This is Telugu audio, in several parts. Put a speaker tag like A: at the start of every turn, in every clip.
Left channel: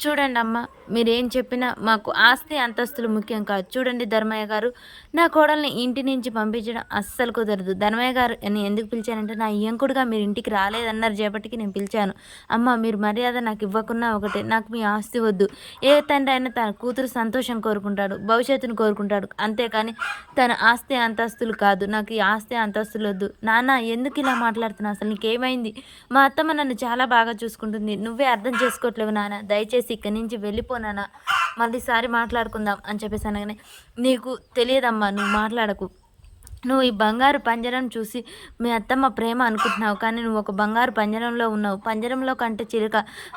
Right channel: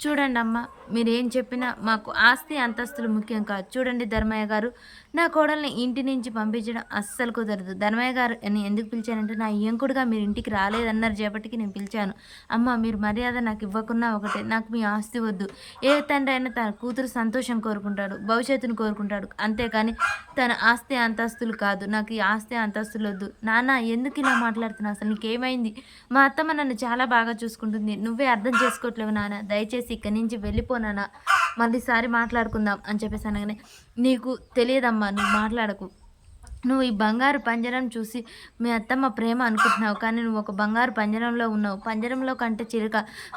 A: చూడండి అమ్మ మీరేం చెప్పినా మాకు ఆస్తి అంతస్తులు ముఖ్యం కాదు. చూడండి ధర్మయ్య గారు నా కోడల్ని ఇంటి నుంచి పంపించడం అస్సలు కుదరదు. ధర్మయ్య గారు అని ఎందుకు పిలిచానంటే నా ఇంకుడుగా మీరు ఇంటికి రాలేదన్నారు చేపటికి నేను పిలిచాను. అమ్మ మీరు మర్యాద నాకు ఇవ్వకున్నా ఒకటే నాకు మీ ఆస్తి వద్దు. ఏ తండ్రి అయినా తన కూతురు సంతోషం కోరుకుంటాడు భవిష్యత్తును కోరుకుంటాడు. అంతేకాని తన ఆస్తి అంతస్తులు కాదు నాకు ఈ ఆస్తి అంతస్తులు వద్దు. నాన్న ఎందుకు ఇలా మాట్లాడుతున్నావు? అసలు నీకేమైంది? మా అత్తమ్మ నన్ను చాలా బాగా చూసుకుంటుంది. నువ్వే అర్థం చేసుకోవట్లేవు నాన్న. దయచేసి ఇక్కడి నుంచి వెళ్ళిపోనానా మళ్ళీసారి మాట్లాడుకుందాం అని చెప్పేసి అనగానే నీకు తెలియదమ్మా నువ్వు మాట్లాడకు. నువ్వు ఈ బంగారు పంజరం చూసి మీ అత్తమ్మ ప్రేమ అనుకుంటున్నావు. కానీ నువ్వు ఒక బంగారు పంజరంలో ఉన్నావు. పంజరంలో కంటే చిలుక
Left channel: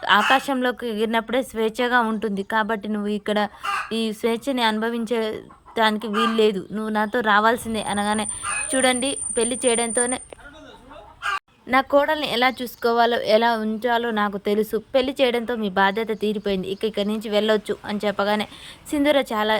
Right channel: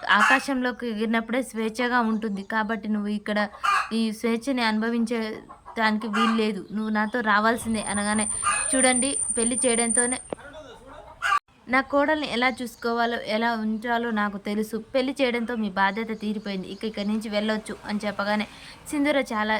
A: ఆకాశంలోకి ఎగిరినప్పుడే స్వేచ్ఛగా ఉంటుంది. కాబట్టి నువ్వు ఇక్కడ ఈ స్వేచ్ఛని అనుభవించే దానికి వీలు లేదు నువ్వు నాతో రావాల్సిందే అనగానే చూడండి పెళ్ళి చేయడంతోనే నా కోడల్ని ఎలా చూసుకోవాలో ఎలా ఉంచాలో నాకు తెలుసు. పెళ్ళి చేయడంతో మీ బాధ్యత తీరిపోయింది. ఇక ఇక్కడి నుంచి వెళ్ళొచ్చు అని చెప్పగానే సింధూర చాలా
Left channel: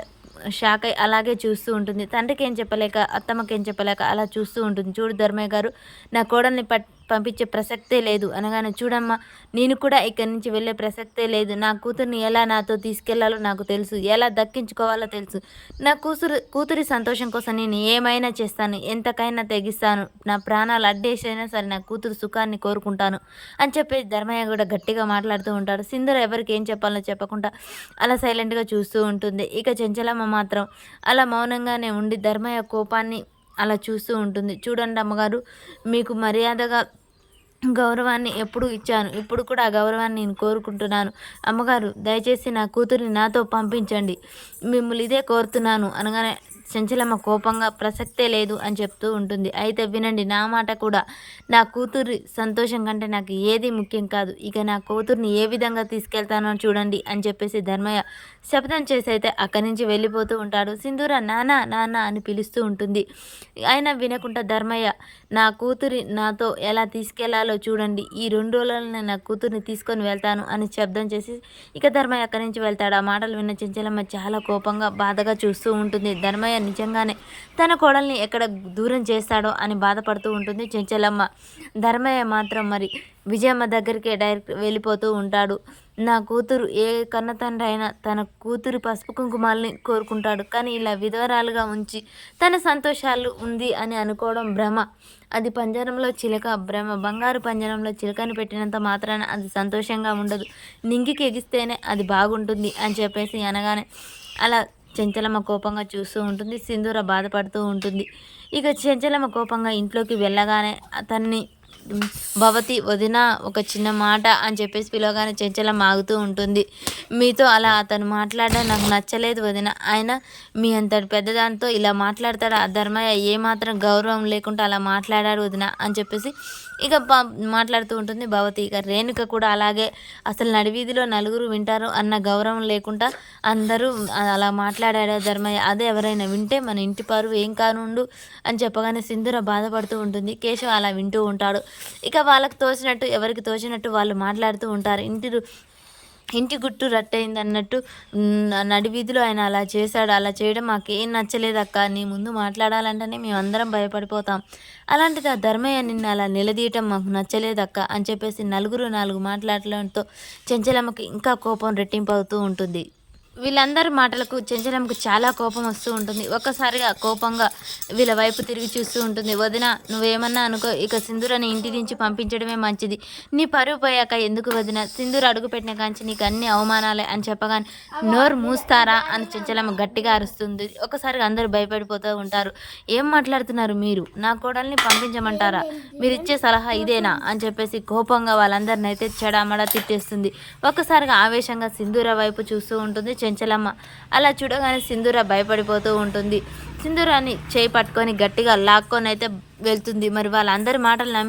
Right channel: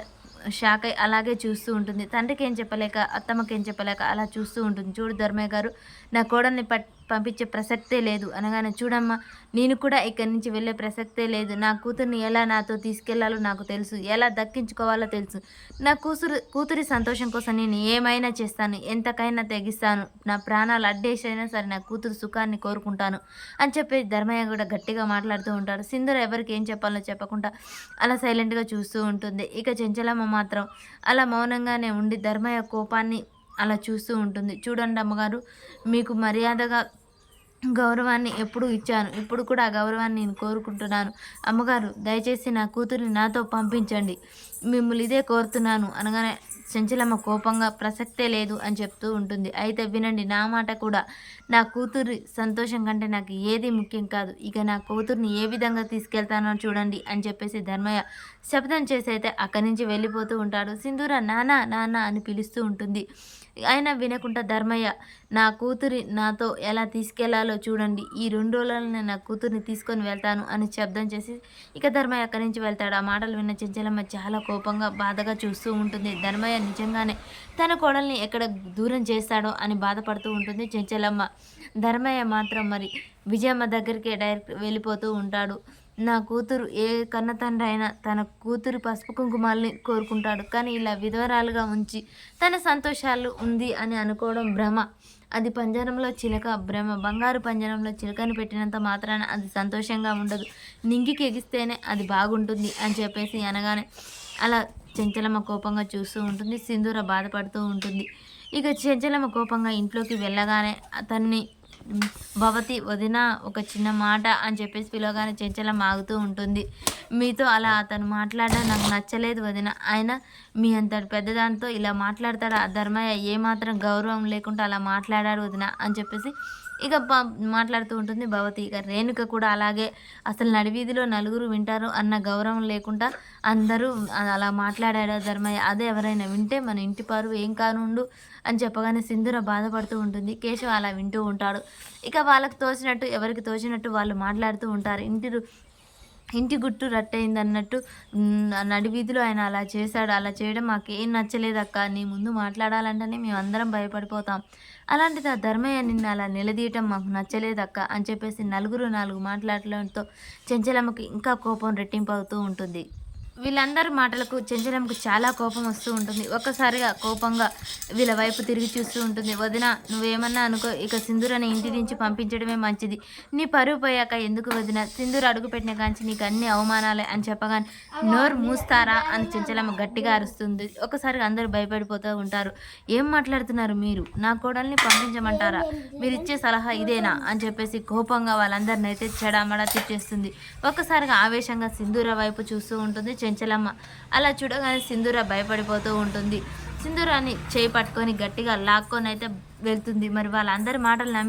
A: షాక్ అయి అలాగే చూస్తూ ఉంటుంది. తండ్రికి ఏం చెప్పలేక అత్తమ్మకి ఏం చెప్పలేక అలా చూస్తూ ఉంటుంది. చూడు ధర్మయ్య గారు నా కోడల్ని పట్ పంపించే ప్రసక్తే లేదు. అనగానే చూడమ్మా నేను కూడా ఇక్కడి నుంచి వెళ్ళే ప్రసక్తే లేదు. నా కూతుర్ని ఎలా నాతో తీసుకెళ్ళాలో నాకు తెలుసు. ఎలా దక్కించుకోవాలో తెలుసు. నా కూతురు కూతురి సంతోషం కోసం నేను ఏమైనా చేస్తాను. ఎంతకైనా తెగిస్తాను. నా ప్రాణాలు అడ్డేసైనా సరే నా కూతురు సుఖాన్ని కోరుకుంటాను అని చెప్పి ధర్మయ్య కూడా గట్టిగా మాట్లాడుతూ ఉంటాడు. సింధుర ఎవరికి ఏం చెప్పాలో చెప్పకుండా అలా సైలెంట్గా చూస్తూ ఉంటుంది. ఇక చెంచలమ్మ మాత్రం అలా మౌనంగానే ఉండి ధర్మయ్య కోపాన్ని అలా చూస్తూ ఉంటుంది. చూడండి అమ్మగారు మీకు మర్యాదగా గౌరవాన్ని ఎప్పుడు ఇచ్చాను. ఇప్పుడు కూడా ఆ గౌరవాన్ని నేను కోరుకుంటున్నాను. అమ్మగారు దయచేసి నా కూతురిని నాతో పంపించండి. మిమ్మల్ని ఇదే కోరుతున్నాను అనగానే చంచలమ్మ కోపంగా ప్రసక్తే లేదు అని చెప్తూ ఉంటుంది. అయితే వినండి నా మాట కూడా. నా కూతురి సంతోషం కంటే నాకు ఏది ముఖ్యం కాదు. ఇక నా కూతుర్ని ఏ విధంగా తీసుకెళ్తానో చూడండి అని చెప్పేసి ధర్మయ్య శబ్దం చేసి అయితే అక్కడి నుంచి వెళ్ళిపోతూ ఉంటాడు. సింధూర నాన్న నాన్న అని పిలుస్తూ ఉంటుంది. ఆయన వినకుండా ధర్మయ్య నా కూతురి నాతో ఎలా తీసుకెళ్ళాలో చూడండి. ఈ రెండు రోజులలో నా కూతుర్ని తీసుకొని వెళ్తాను అని శబ్దం చేసి ఇక ధర్మయ్య అక్కడి నుంచి వెళ్తాడు. ఆ మాటలు విన్న చెంచలమ్మ చాలా కోపంగా బాధగా చూస్తూ ఉంటుంది. ధర్మయ్య నిజంగానే తన కోడల్ని ఎక్కడ దూరం చేస్తాడో అని బాధపడుతూ ఉంటుంది చెంచలమ్మ. ధర్మయ్య మాత్రం మరి విజయమ్మ దగ్గరికే డైరెక్ట్ వెళ్ళిపోతూ ఉంటాడు. నా కూతురు ఏ కన్న తండ్రి అయినా తన కూతురి పసుపు కుంకుమాలని కోరుకుంటాడు. కానీ ఇలా విధవరాలుగా ఉంచి తన సంతోషాలు ఉంది అని అనుకోవడం భ్రమ. అది పంజరంలో చిలక భ్రమ. బంగారు పంజరంలో చిలకని పెట్టినంత మాత్రాన అది సంతోషంగా ఉండదు. నింగికి ఎగిస్తేనే అది బాగుంటుంది అని చెప్పేసి అనగానే అలా చెంచలమ్మ కోపంగా చూస్తూ ఉంటుంది. సింధూర బాధపడుతూ ఉంటుంది. ఇక చెంచలమ్మ కోపంగా ఇంట్లోకి వెళ్ళగానే అతన్ని భవతి వదిన ఒక చిన్న మాట అని చెప్పేసి పిలవగానే చెంచలం ఆగుతూ ఉంటుంది. మీతో అలా అతను మాట్లాడడం నాకు నచ్చలేదు వదిన. ఆయన మీ అంతటి పెద్దదానితో ఇలా మాట్లాడతాడు? ఆ ధర్మయ్య ఏమాత్రం గౌరవం లేకుండా అలా మాట్లాడాడు వదిన అని చెప్పేసి ఇక మాట్లాడుతూ ఉంటుంది భవతి. ఇక రేణుక కూడా అలాగే అసలు నడివీధిలో నలుగురు వింటారు అన్న గౌరవం లేకుండా అందరూ అలా మాట్లాడాడు ధర్మయ్య అదే ఎవరైనా వింటే మన ఇంటి పరువు ఏం కానుండు అని చెప్పగానే సింధుర బాధపడుతూ ఉంటుంది. కేశవ అలా వింటూ ఉంటాడు. ఇక వాళ్ళకి తోచినట్టు ఎవరికి తోచినట్టు వాళ్ళు మాట్లాడుతూ ఉంటారు. ఇంటి ఇంటి గుట్టు రట్టయింది అన్నట్టు నడివీధిలో ఆయన అలా చేశాడు. అలా చేయడం మాకేం నచ్చలేదు అక్క. నీ ముందు మాట్లాడాలంటేనే మేము అందరం భయపడిపోతాం. అలాంటిది ఆ ధర్మయ్య నిన్ను అలా నిలదీయటం మాకు నచ్చలేదు అక్క అని చెప్పేసి నలుగురు నాలుగు మాట్లాడటంతో చెంచలమ్మకి ఇంకా కోపం రెట్టింపు అవుతూ ఉంటుంది. వీళ్ళందరి మాటలకు చెంచలంకు చాలా కోపం వస్తూ ఉంటుంది. ఒక్కసారిగా కోపంగా వీళ్ళ వైపు తిరిగి చూస్తూ ఉంటుంది. వదిన నువ్వేమన్నా అనుకో ఇక సింధూరని ఇంటి నుంచి పంపించడమే మంచిది. నీ పరువు పోయాక ఎందుకు వదిన? సింధూరు అడుగుపెట్టిన కాంచి నీకు అన్ని అవమానాలే అని చెప్పగానే నోరు మూస్తారా అని చెంచలమ్మ గట్టిగా అరుస్తుంది. ఒక్కసారిగా అందరూ భయపడిపోతూ ఉంటారు. ఏం మాట్లాడుతున్నారు మీరు? నా కోడల్ని పంపించమంటారా? మీరు ఇచ్చే సలహా ఇదేనా? అని చెప్పేసి కోపంగా వాళ్ళందరిని అయితే చెడామడా తిట్టేస్తుంది. ఒక్కసారిగా ఆవేశంగా సింధూర వైపు చూస్తూ ఉంటుంది. చెంచలమ్మ అలా చూడగానే సింధూర భయపడిపోతూ ఉంటుంది. సింధూరాన్ని చేయి పట్టుకొని గట్టిగా లాక్కొని అయితే వెళ్తుంది. మరి వాళ్ళందరి మాటలు నమ్మి